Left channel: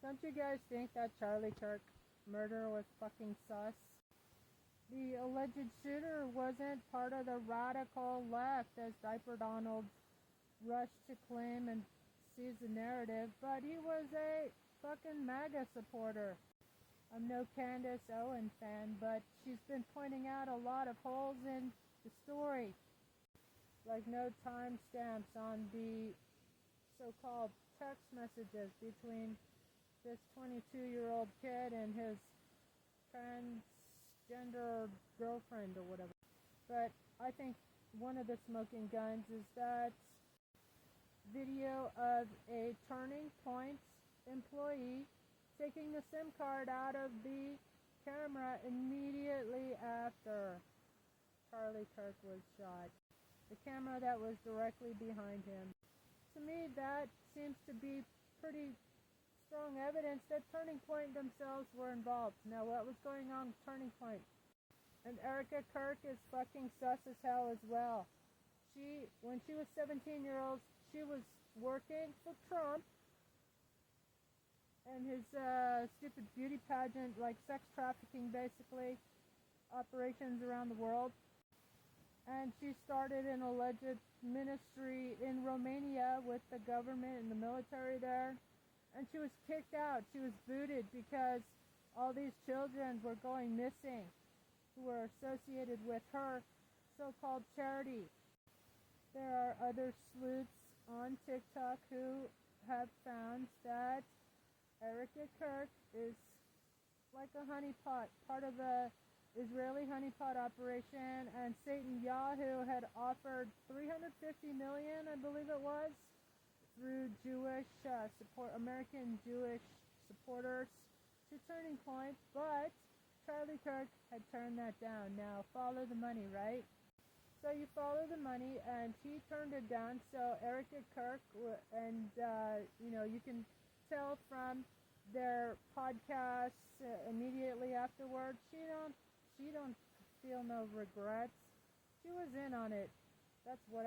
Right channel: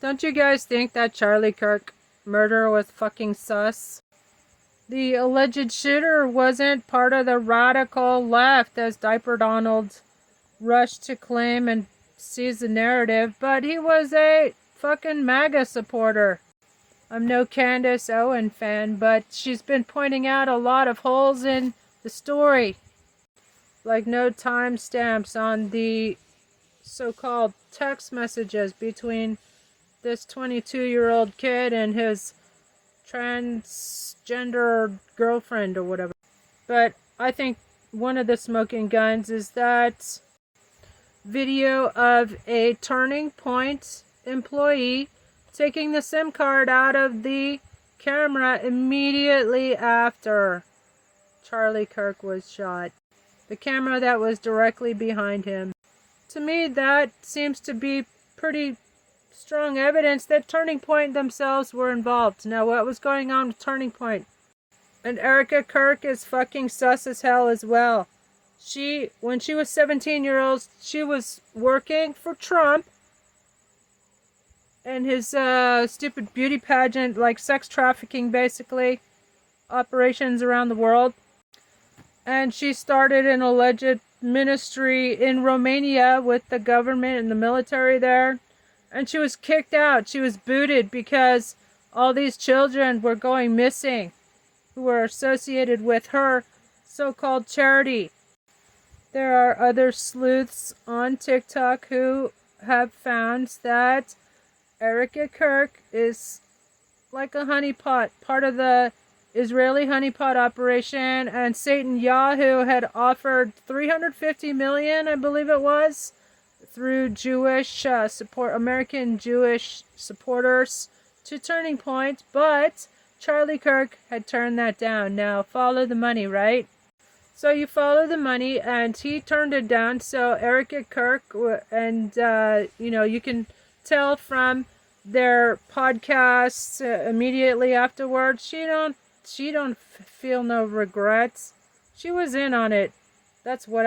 Don't you guys think that Charlie Kirk murder was fucking sus? The alleged shooter wasn't part of the radical left, as Diaper Donald rushed to claim and seize the narrative, but he was a fucking MAGA supporter. I'm no Candace Owen fan, but she's been pointing out a lot of holes in the story, like no timestamps on the so-called text messages between this 22-year-old kid and his transgender girlfriend or whatever. But I think one of the smoking guns is that video of a Turning Point employee taking the SIM card out of the camera immediately after Charlie Kirk was shot. The camera that was directly behind him. To me, that seems to be pretty strong evidence that Turning Point themselves were involved. Now, what was going on with Turning Point? And Erica Kirk is fucking sus as hell as well. When she was 17-year-old, she was working for Trump and his stupid beauty pageant, like sex trafficking, basically, operations around the world. And she started an alleged ministry in Romania with the government and the military there. And she was kicked out. She was booted because all these children were going missing who were associated with her so-called charity. There are other sleuths on TikTok who have found that Erica Kirk is like a honeypot, part of the Israeli honeypot operation, and Satan Yahoo had offered $350 million, I believe it was, through Jewish American Jewish supporters to Turning Point, but Charlie Kirk had turned that down. Now, follow the money, right? So you follow the money, and he turned it down. So Erica Kirk, and you can tell from their podcasts immediately afterwards, she don't feel no regrets. She was in on it. That's what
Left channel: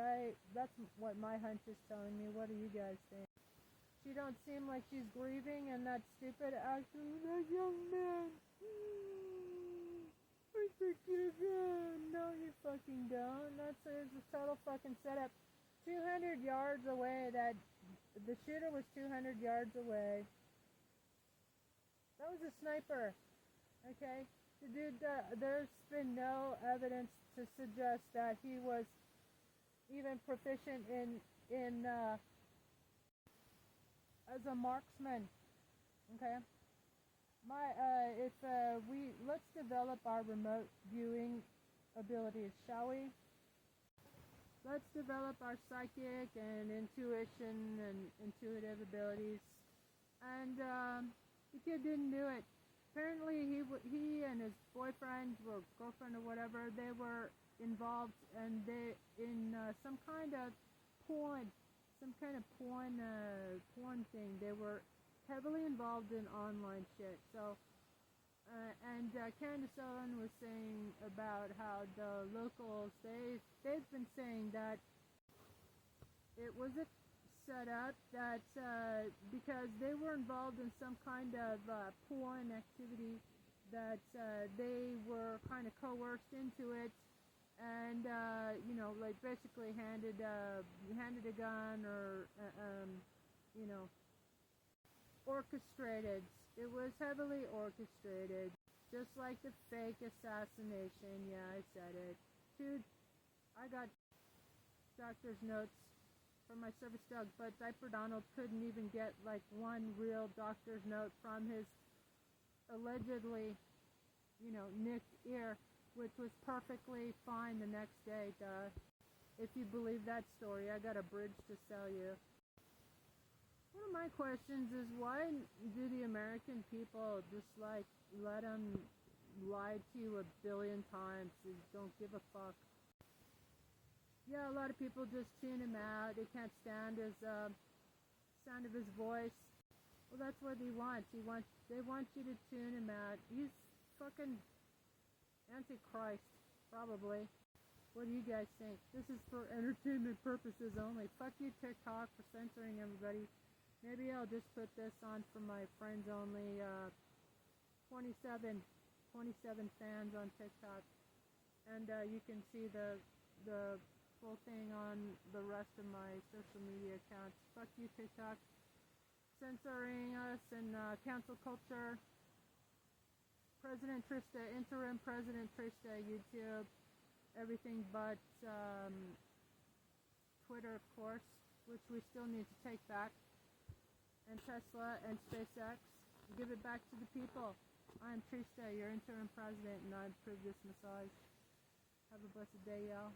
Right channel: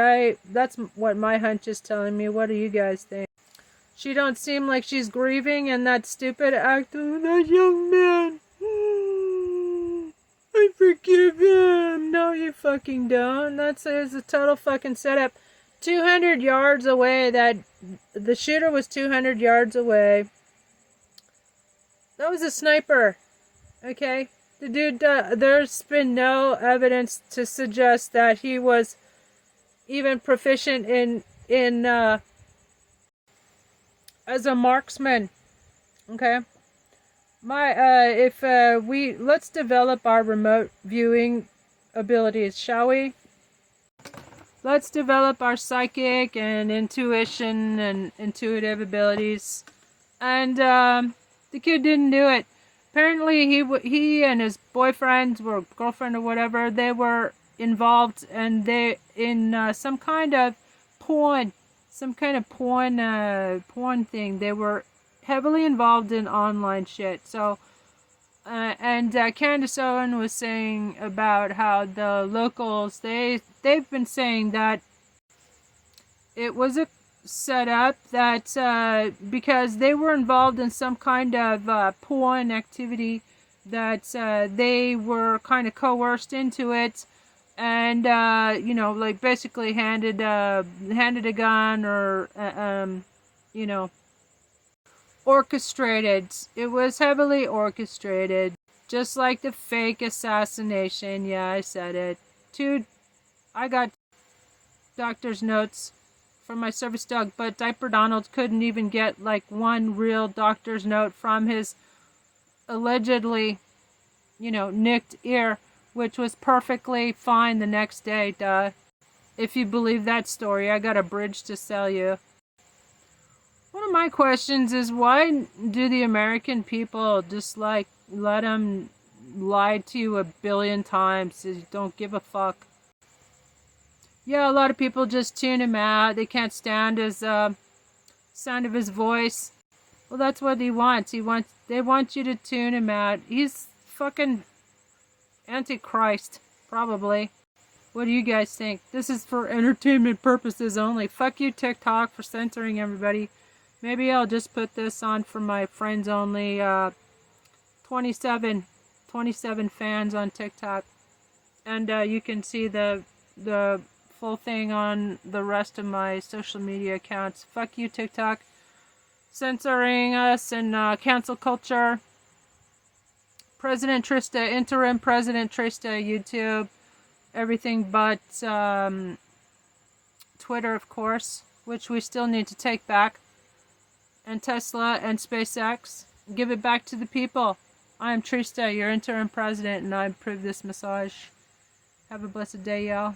my hunch is telling me. What do you guys think? She don't seem like she's grieving, and that stupid act of that young man. I forgive him. No, you fucking don't. That's a total fucking setup. 200 yards away. That the shooter was 200 yards away. That was a sniper. Okay, the dude. There's been no evidence to suggest that he was even proficient in as a marksman. Okay. Let's develop our remote viewing abilities, shall we? Let's develop our psychic and intuition and intuitive abilities. And the kid didn't do it. Apparently, he and his boyfriend or girlfriend or whatever, they were involved, and they in some kind of porn thing. They were heavily involved in online shit. So, and Candace Owen was saying about how the locals, they've been saying that it was a setup, that because they were involved in some kind of porn activity, that they were kind of coerced into it, and like basically handed a gun, or orchestrated. It was heavily orchestrated, just like the fake assassination. Yeah, I said it. I got doctor's notes from my service dog, but Diaper Donald couldn't even get like one real doctor's note from his allegedly, nicked ear, which was perfectly fine the next day. Duh. If you believe that story, I got a bridge to sell you. One of my questions is, why do the American people just like let them lie to you a billion times? You don't give a fuck. Yeah, a lot of people just tune him out. They can't stand his sound of his voice. Well, that's what he wants. They want you to tune him out. He's fucking Antichrist, probably. What do you guys think? This is for entertainment purposes only. Fuck you, TikTok, for censoring everybody. Maybe I'll just put this on for my friends only. 27 fans on TikTok, and you can see the full thing on the rest of my social media accounts. Fuck you, TikTok, censoring us and cancel culture. President Trista, interim President Trista, YouTube, everything but Twitter, of course, which we still need to take back, and Tesla and SpaceX. Give it back to the people. I am Trista, your interim president, and I approve this massage. Have a blessed day, y'all.